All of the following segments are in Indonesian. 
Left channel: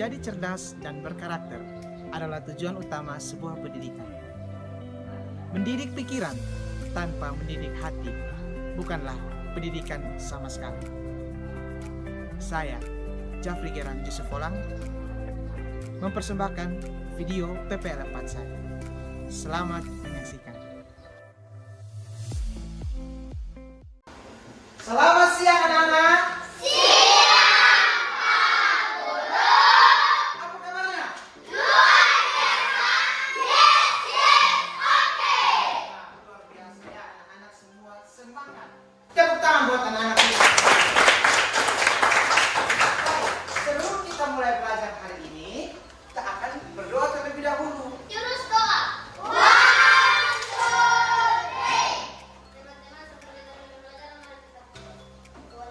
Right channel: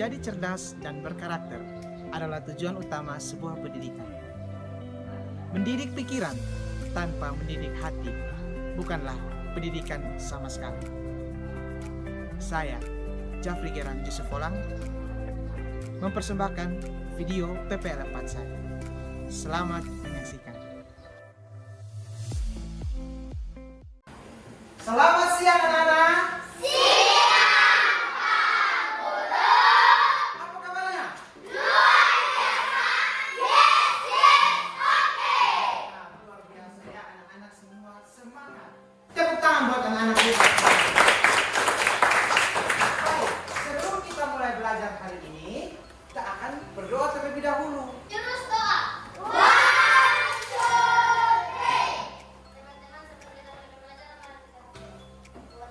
Menjadi cerdas dan berkarakter adalah tujuan utama sebuah pendidikan. Mendidik pikiran tanpa mendidik hati bukanlah pendidikan sama sekali. Saya, Jafri Geran Yusuf Olang, mempersembahkan video PPL 4 saya. Selamat menyaksikan. Selamat siang anak-anak. Tepuk tangan buat anak-anak kita. Sebelum kita mulai belajar hari ini, kita akan berdoa terlebih dahulu. Terus doa.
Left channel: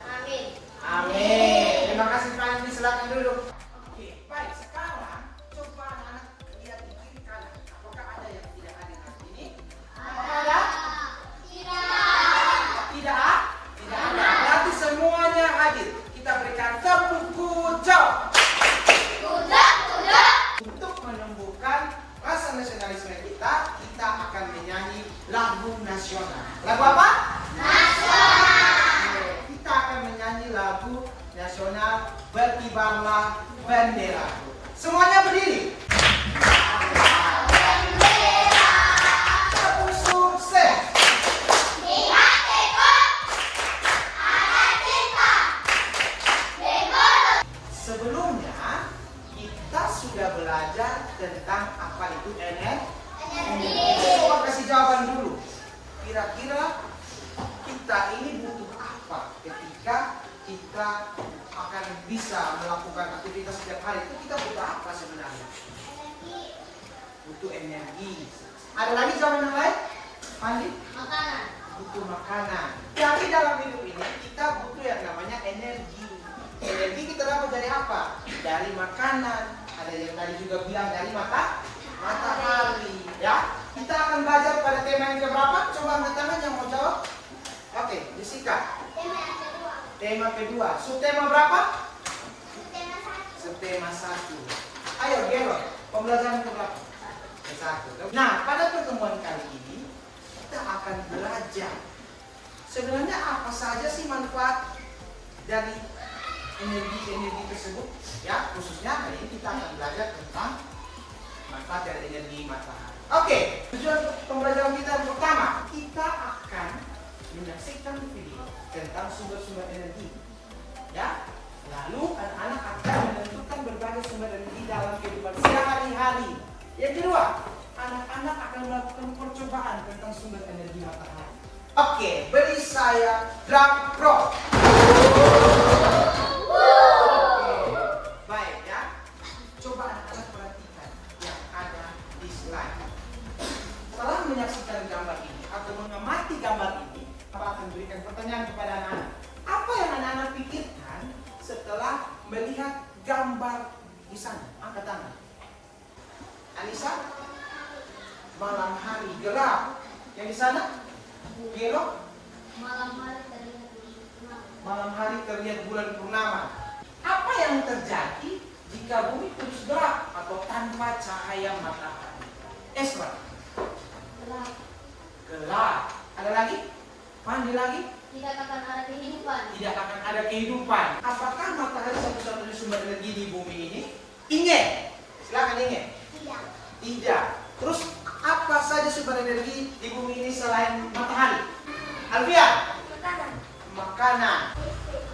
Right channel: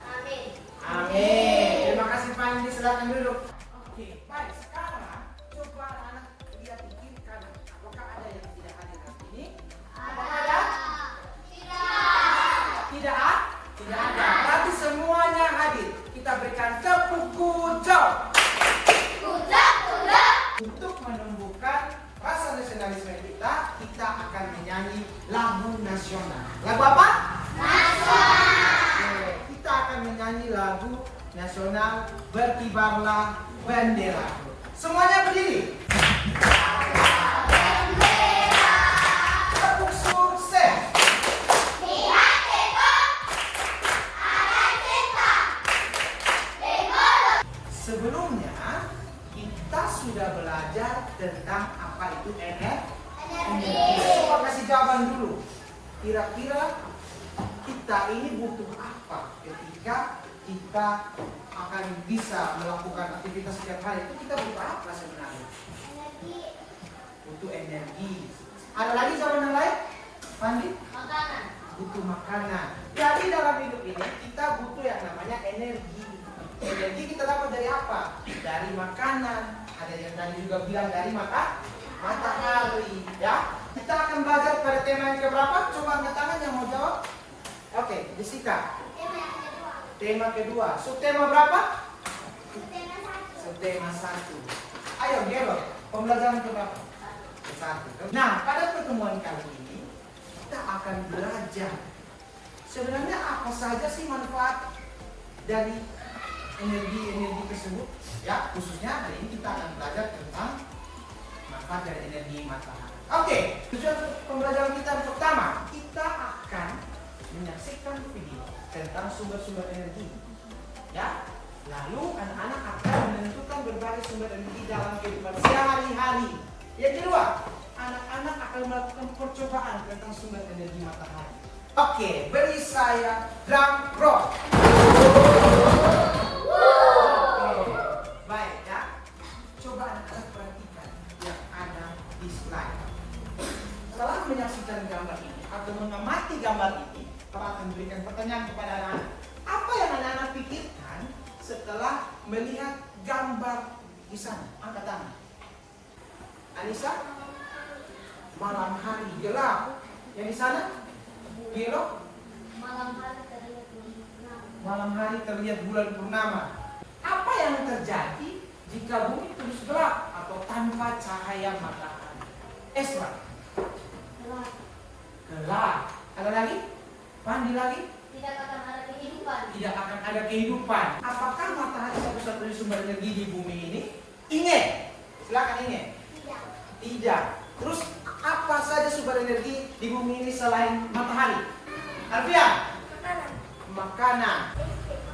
Amin. Amin. Terima kasih Fandi, silakan duduk. Oke, baik. Sekarang coba anak-anak lihat di kiri kanan. Apakah ada yang tidak hadir di sini? Apakah ada? Tidak ada? Tidak ada. Berarti semuanya hadir. Kita berikan tepuk kucap. Untuk menumbuhkan rasa nasionalisme kita akan menyanyi lagu nasional. Lagu apa? Nasional. Kita akan menyanyi lagu nasional Berkibarlah Bendera. Semuanya berdiri. Tepuk sukses. Sebelumnya kita sudah belajar tentang apa itu energi. Coba kasih jawaban dulu. Kira-kira kita ini butuh apa ketika kita akan bisa melakukan aktivitas setiap hari? Itu kita butuh apa sebenarnya? Butuh energi. Ada lagi jawaban yang lain? Pandi? Makanan. Butuh makanan. Jadi dalam hidup ini kita butuh yang namanya energi. Energi kita dapat dari apa? Dari makanan. Ada yang tadi juga bilang dari matahari. Ya, kita akan belajar pada tema yang keberapa? Coba angkat tangan yang mau jawab. Oke, Jessica. Tema kedua. Subtema berapa? Subtema 1. Ayo, Gero. Pembelajaran keberapa? Ke-1. Nah, pada pertemuan kali ini kita akan belajar sebenarnya apa saja sih manfaat dari energi tersebut, ya, khususnya hari ini kita akan belajar tentang manfaat dari energi matahari. Oke, tujuan pembelajaran kita pertama, kita akan menyaksikan video tentang sumber-sumber energi, ya. Lalu anak-anak akan menentukan berbagai sumber energi dalam kehidupan sehari-hari. Yang kedua, anak-anak akan melakukan percobaan tentang sumber energi matahari. Oke, beri saya drum roll. Baik ya, coba anak-anak perhatikan yang ada di slide. Setelah menyaksikan gambar ini atau mengamati gambar ini, kita akan berikan pertanyaan kepada anak-anak. Apa yang anak-anak pikirkan setelah melihat gambar di sana? Angkat tangan. Anissa? Malam hari gelap. Yang di sana? Gelo? Malam hari terlihat bulan purnama. Apa yang terjadi jika bumi terus gelap atau tanpa cahaya matahari? Esra? Gelap. Ada lagi? Pandi lagi? Tidak akan ada kehidupan. Tidak akan ada kehidupan. Apakah matahari satu-satunya sumber energi di bumi ini? Inge? Silakan Inge. Tidak. Terus apa saja sumber energi di bumi ini selain matahari? Alfian? Makanan.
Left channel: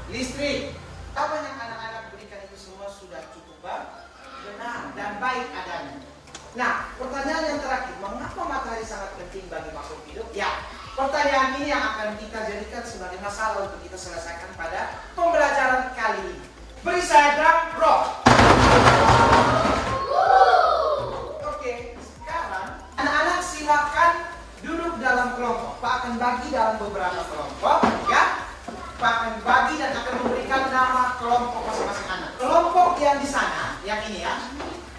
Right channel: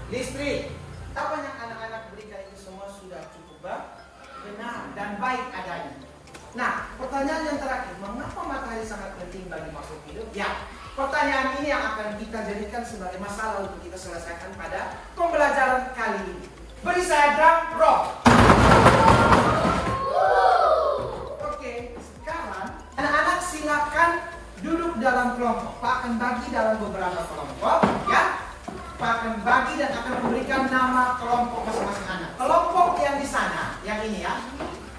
Listrik. Apa yang anak-anak berikan itu semua sudah cukup benar dan baik adanya. Nah, pertanyaan yang terakhir, mengapa matahari sangat penting bagi makhluk hidup? Ya, pertanyaan ini yang akan kita jadikan sebagai masalah untuk kita selesaikan pada pembelajaran kali ini. Beri saya drum roll. Oke, sekarang anak-anak silakan duduk dalam kelompok. Pak akan bagi dalam beberapa kelompok, ya. Pak akan bagi dan akan memberikan nama kelompok masing-masing anak. Kelompok yang di sana, yang ini ya.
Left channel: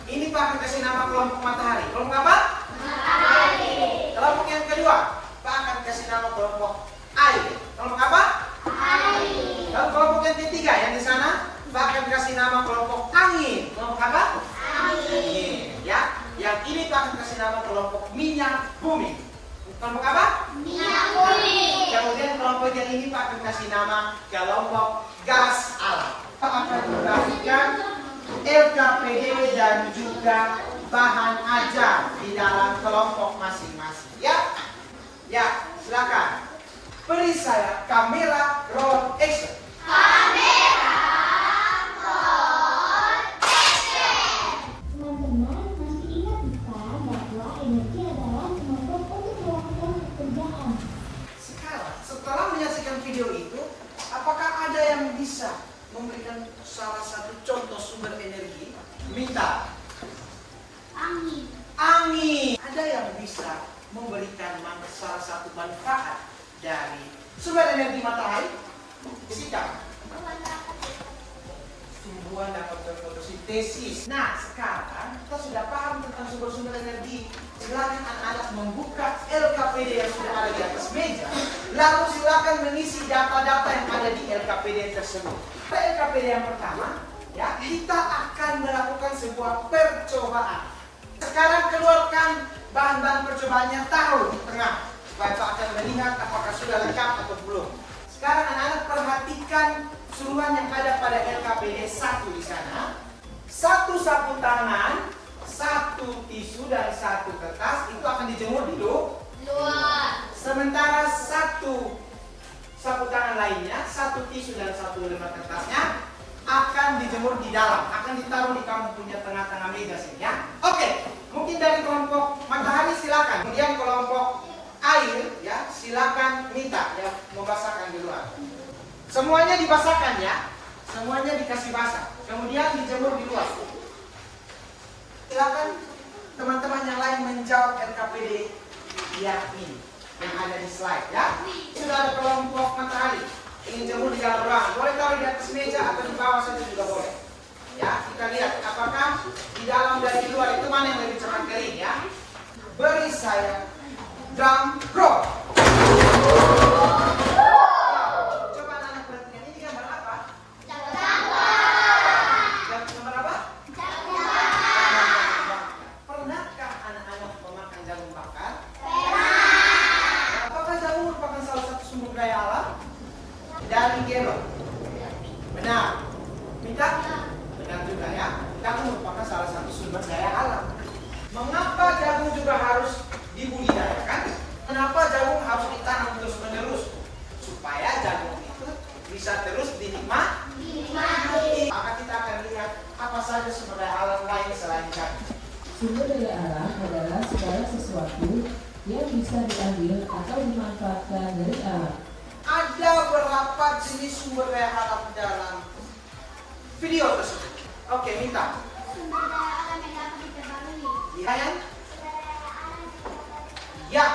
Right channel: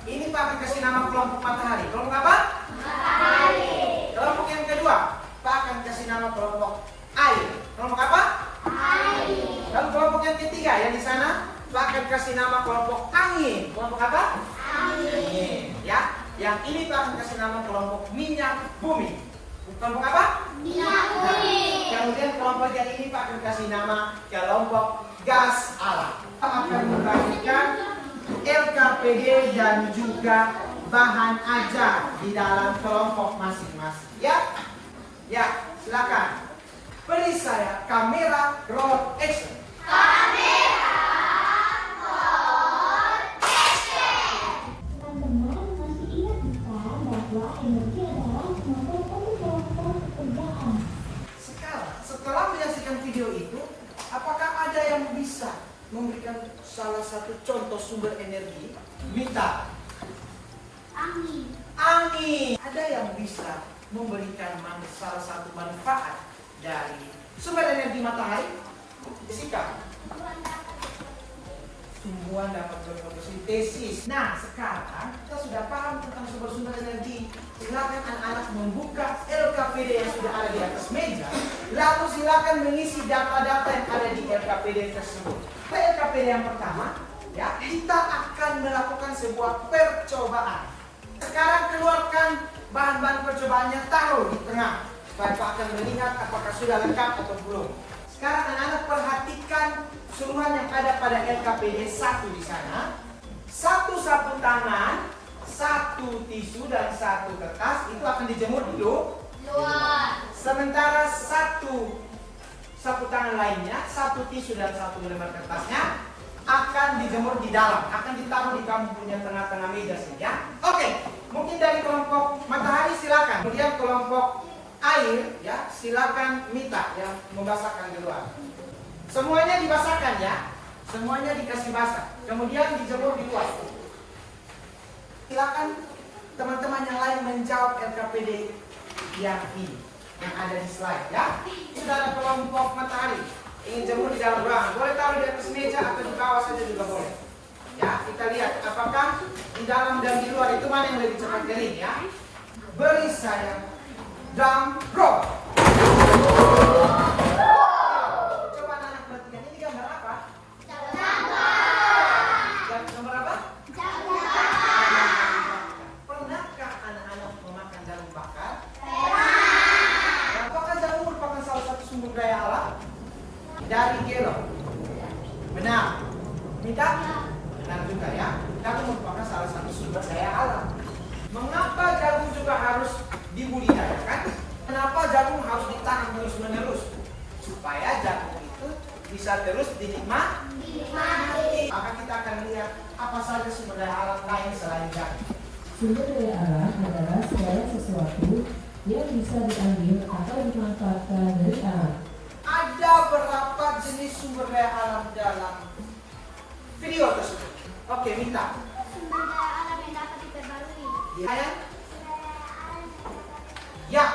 Ini Pak akan kasih nama kelompok matahari. Kelompok apa? Matahari. Kelompok yang kedua, Pak akan kasih nama kelompok air. Kelompok apa? Air. Lalu kelompok yang ketiga yang di sana, Pak akan kasih nama kelompok angin. Kelompok apa? ini Pak akan kasih nama kelompok minyak bumi. Kelompok apa? Minyak bumi. Kemudian kelompok yang ini Pak akan kasih nama kelompok gas alam. Pak akan membagikan LKPD dan juga bahan ajar di dalam kelompok masing-masing. Ya, ya, silakan. Beri saya kamera roll action. Teman-teman masih ingat bukan bahwa energi adalah kemampuan untuk melakukan pekerjaan. Sekarang, setelah menyaksikan video itu, apakah ada yang bisa memberikan salah satu contoh sumber energi? Minta. Angin. Angin. Ada yang bisa memberikan salah satu manfaat dari sumber energi matahari? Fisika. Tumbuhan dapat berfotosintesis. Nah, sekarang kita sudah paham tentang sumber-sumber energi. Silakan anak-anak membuka LKPD yang sudah ada di atas meja. Lalu silakan mengisi data-data yang ada di LKPD tersebut. Pada LKPD yang pertama, ya, kita akan melakukan sebuah percobaan. Sekarang keluarkan bahan-bahan percobaannya, taruh di tengah. Bapak akan melihat apakah sudah lengkap atau belum. Sekarang anak-anak perhatikan suruhan yang ada pada LKPD 1 di sana. 1 sapu tangan, 1 tisu dan 1 kertas itu akan dijemur di Luar. sementara 1 sapu tangan lainnya, 1 tisu dan 1 lembar kertasnya akan dijemur di dalam, akan ditaruh di kamu punya tengah-tengah meja sini ya. Oke, mungkin dari kelompok matahari silakan. Kemudian kelompok air ya, silakan minta yang membasahkan di luar. Semuanya dibasahkan ya, semuanya dikasih basah, kemudian dijemur di luar. Silakan teman-teman yang lain menjawab LKPD yang ini, yang ada di slide ya. Sudah ada kelompok matahari, ingin jemur di dalam ruangan, boleh taruh di atas meja atau di bawah saja juga boleh. Ya, kita lihat apakah di dalam dan di luar itu mana yang lebih cepat kering ya. Beri saya drum roll. Coba anak-anak perhatikan, ini gambar apa? Gambar apa? Pernahkah anak-anak memakan jagung bakar? Apakah jagung merupakan salah satu sumber daya alam? Dari kelor. Benar. Minta? Benar juga ya. Jagung merupakan salah satu sumber daya alam. Mengapa jagung juga harus dibudidayakan? Kenapa jagung harus ditanam terus-menerus? Supaya jagung itu bisa terus dinikmati. Maka kita akan lihat apa saja sumber daya alam lain selain jagung. Sumber daya alam adalah segala sesuatu yang bisa diambil atau dimanfaatkan dari alam. Ada berapa jenis sumber daya alam dalam video tersebut? Oke, minta. Sumber daya alam yang dapat diperbarui. Ya, ya,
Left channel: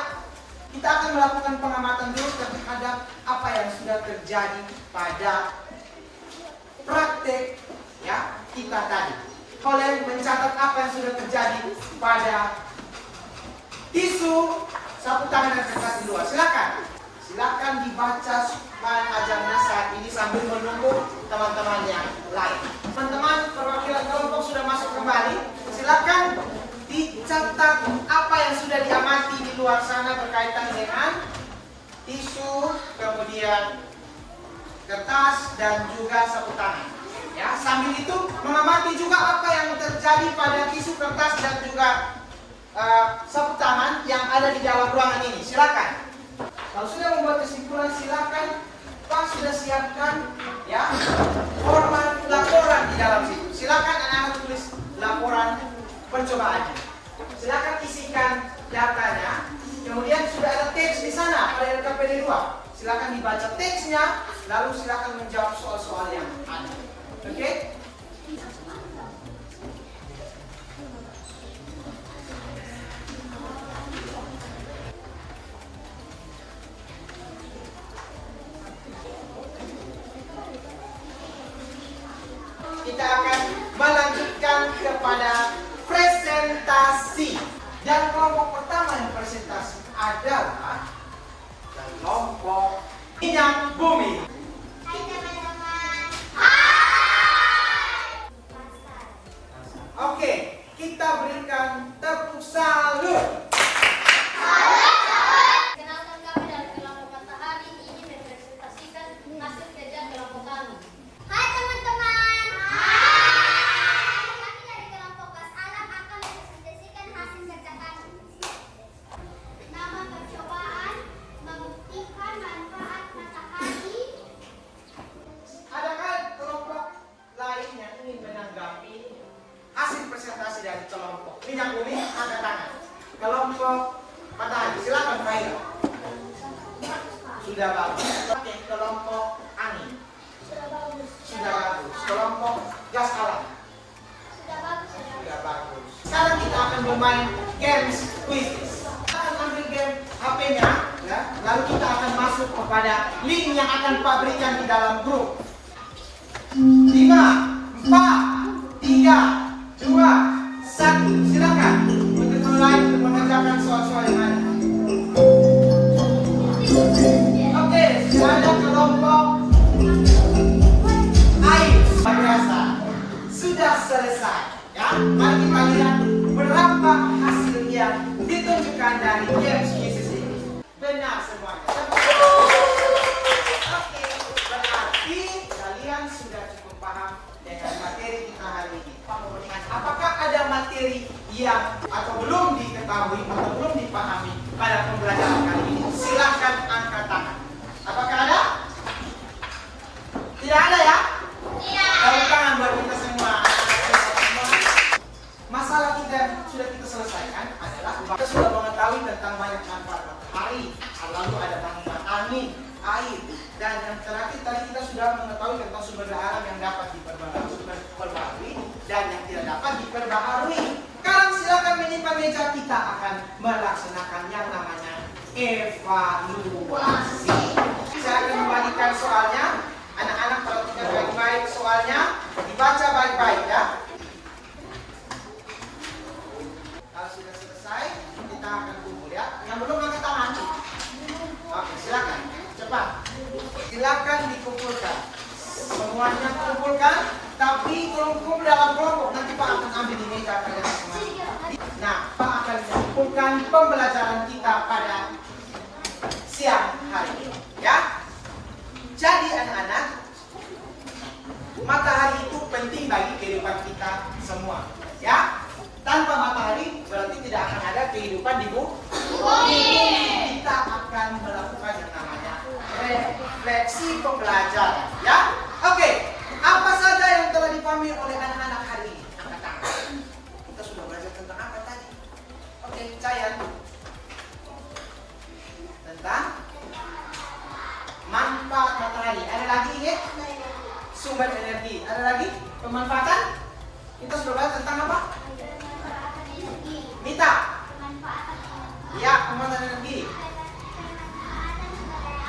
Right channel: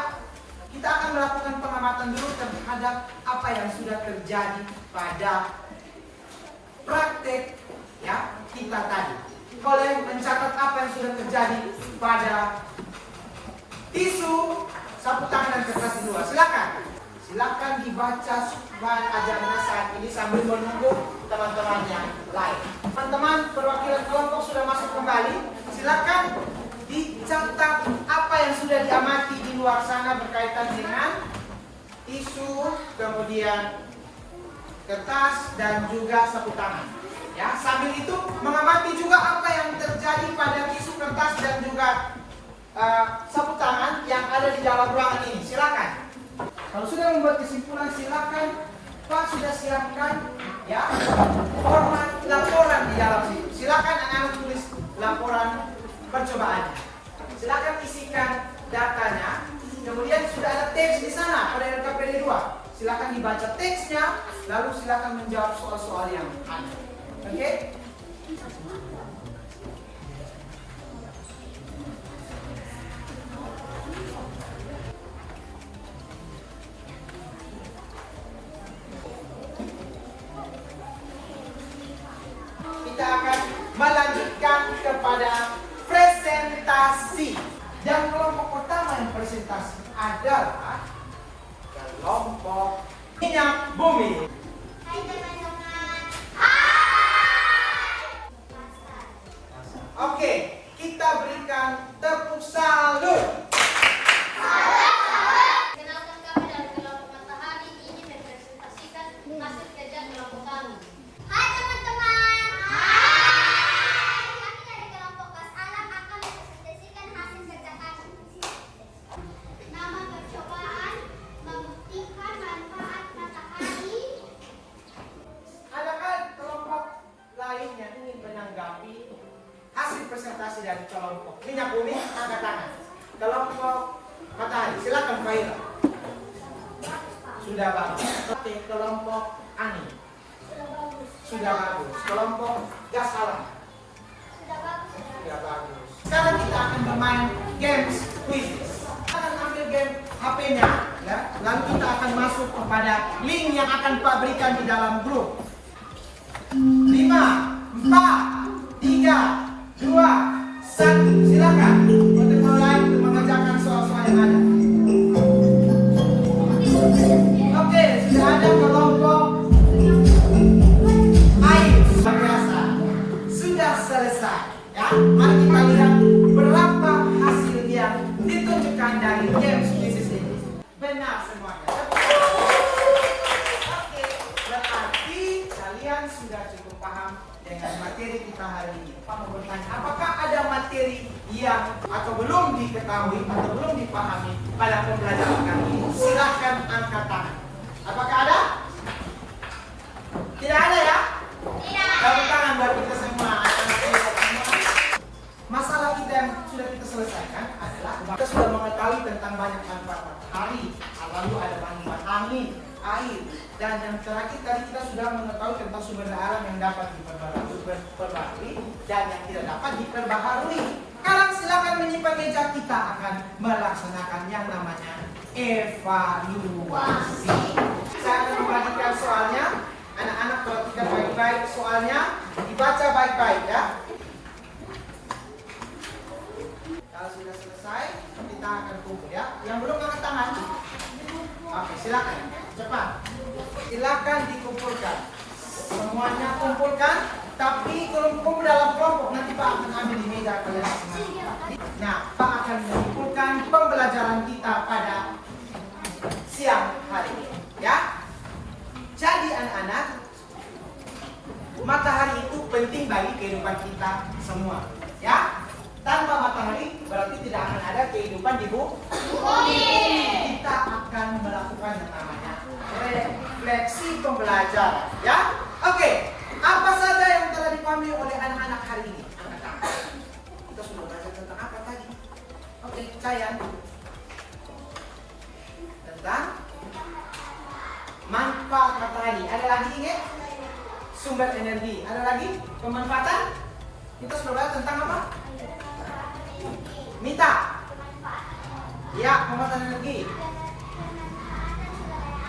kita akan melakukan pengamatan dulu terhadap apa yang sudah terjadi pada praktek ya kita tadi. Kalian mencatat apa yang sudah terjadi pada tisu, sapu tangan dan kertas kedua. Silakan, silakan dibaca bahan ajarnya saat ini sambil menunggu teman-teman yang lain. Teman-teman perwakilan kelompok sudah masuk kembali. Silakan dicatat apa yang sudah diamati di luar sana berkaitan dengan tisu, kemudian kertas dan juga sapu tangan. Ya, sambil itu mengamati juga apa yang terjadi pada tisu, kertas dan juga sapu tangan yang ada di dalam ruangan ini. Silakan. Kalau sudah membuat kesimpulan, silakan Pak sudah siapkan ya format laporan di dalam situ. Silakan anak-anak tulis laporan percobaannya. Silakan isikan datanya. Kemudian sudah ada teks di sana pada LKPD 2. Silakan dibaca teksnya, lalu silakan menjawab soal-soal yang ada. Oke? Kita akan melanjutkan kepada presentasi. Dan kelompok pertama yang presentasi adalah kelompok minyak bumi. Hai teman-teman. Oke, kita berikan tepuk salut. Kenalkan kami dari kelompok Matahari ini mempresentasikan hasil kerja kelompok kami. Hai teman-teman. Hai. Kami dari kelompok Gas Alam akan mempresentasikan hasil kerja kami. Nama percobaan membuktikan manfaat matahari. Adakah kelompok lain yang ingin menanggapi hasil presentasi dari kelompok minyak bumi? Angkat tangan. Kelompok matahari, silakan Faila. Sudah bagus. Oke, kelompok angin. Sudah bagus. Kelompok gas alam. Sudah bagus. Sudah bagus. Sekarang kita akan bermain games quizzes. Kita akan ambil game HP-nya, ya. Lalu kita akan masuk kepada link yang akan Pak berikan di dalam grup. 5, 4, 3, 2, 1. Silakan untuk mulai untuk mengerjakan soal-soal yang ada. Oke, sudah ada kelompok air biasa. Sudah selesai, ya. Mari kita lihat berapa hasil yang ditunjukkan dari games quizzes ini. Benar semuanya. Oke, berarti kalian sudah cukup paham dengan materi kita hari ini. Pak mau bertanya, apakah ada materi yang atau belum diketahui atau belum dipahami pada pembelajaran kali ini? Silakan angkat tangan. Apakah ada? Tidak ada ya? Tepuk tangan buat kita semua. Masalah kita yang sudah kita selesaikan adalah kita sudah mengetahui tentang banyak manfaat matahari, lalu ada manfaat angin, air, dan yang terakhir tadi kita sudah mengetahui tentang sumber daya alam yang dapat diperbaharui dan yang tidak dapat diperbaharui. Sekarang silakan menyimpan meja, kita akan melaksanakan yang namanya evaluasi. Saya akan membagikan soalnya. Anak-anak perhatikan baik-baik soalnya, dibaca baik-baik ya. Kalau sudah selesai, kita akan kumpul ya. Yang belum angkat tangan. Oke, silakan. Cepat. Silakan dikumpulkan. Semuanya kumpulkan, tapi kalau kumpul dalam kelompok nanti Pak akan ambil di meja kalian semua. Nah, Pak akan mengumpulkan pembelajaran kita pada siang hari ini, ya. Jadi anak-anak, matahari itu penting bagi kehidupan kita semua, ya. Tanpa matahari berarti tidak akan ada kehidupan di bumi. Kita akan melakukan yang namanya refleksi pembelajaran, ya. Oke, apa saja yang telah dipahami oleh anak-anak hari ini? Angkat tangan. Kita sudah belajar tentang apa tadi? Oke, Cayan. Tentang manfaat matahari. Ada lagi ingat? Sumber energi. Ada lagi? Pemanfaatan? Kita sudah belajar tentang apa? Mita. Ya, pemanfaatan energi.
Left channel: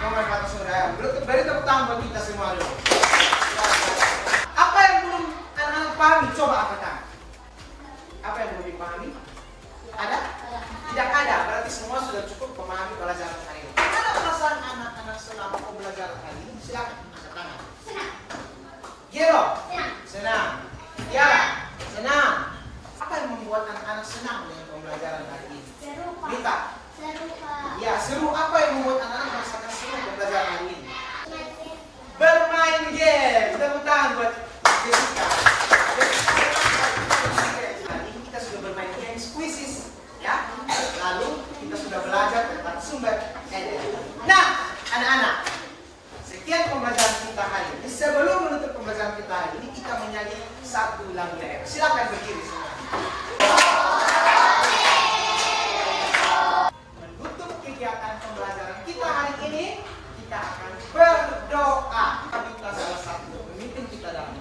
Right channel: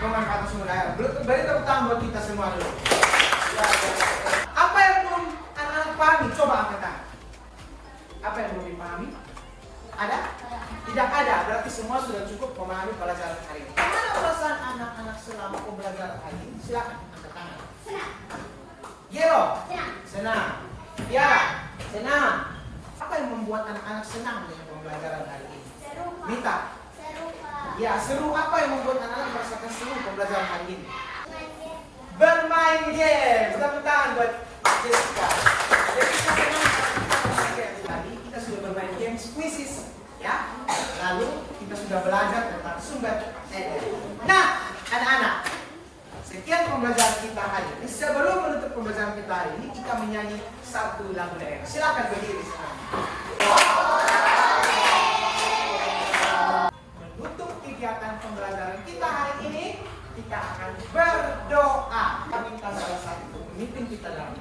Pemanfaatan sumber daya. Beri tepuk tangan buat kita semua dulu. Apa yang belum anak-anak pahami? Coba angkat tangan. Apa yang belum dipahami? Ada? Tidak ada. Berarti semua sudah cukup memahami pelajaran hari ini. Ada perasaan anak-anak selama pembelajaran hari ini? Silakan angkat tangan. Senang. Gero? Senang. Senang. Tiara? Senang. Apa yang membuat anak-anak senang dengan pembelajaran hari ini? Seru, Pak. Mita? Seru, Pak. Ya, seru. Apa yang membuat anak-anak merasakan seru pembelajaran hari ini? Main. Bermain game. Tepuk tangan buat Jessica. Jessica senang. Tadi kita sudah bermain game quizzes, ya. Lalu kita sudah belajar tentang sumber energi. Nah, anak-anak, sekian pembelajaran kita hari ini. Sebelum menutup pembelajaran kita hari ini, kita menyanyi satu lagu daerah. Silakan berdiri semua. Menutup kegiatan pembelajaran kita hari ini, kita akan berdoa. Kami salah satu pemimpin kita dalam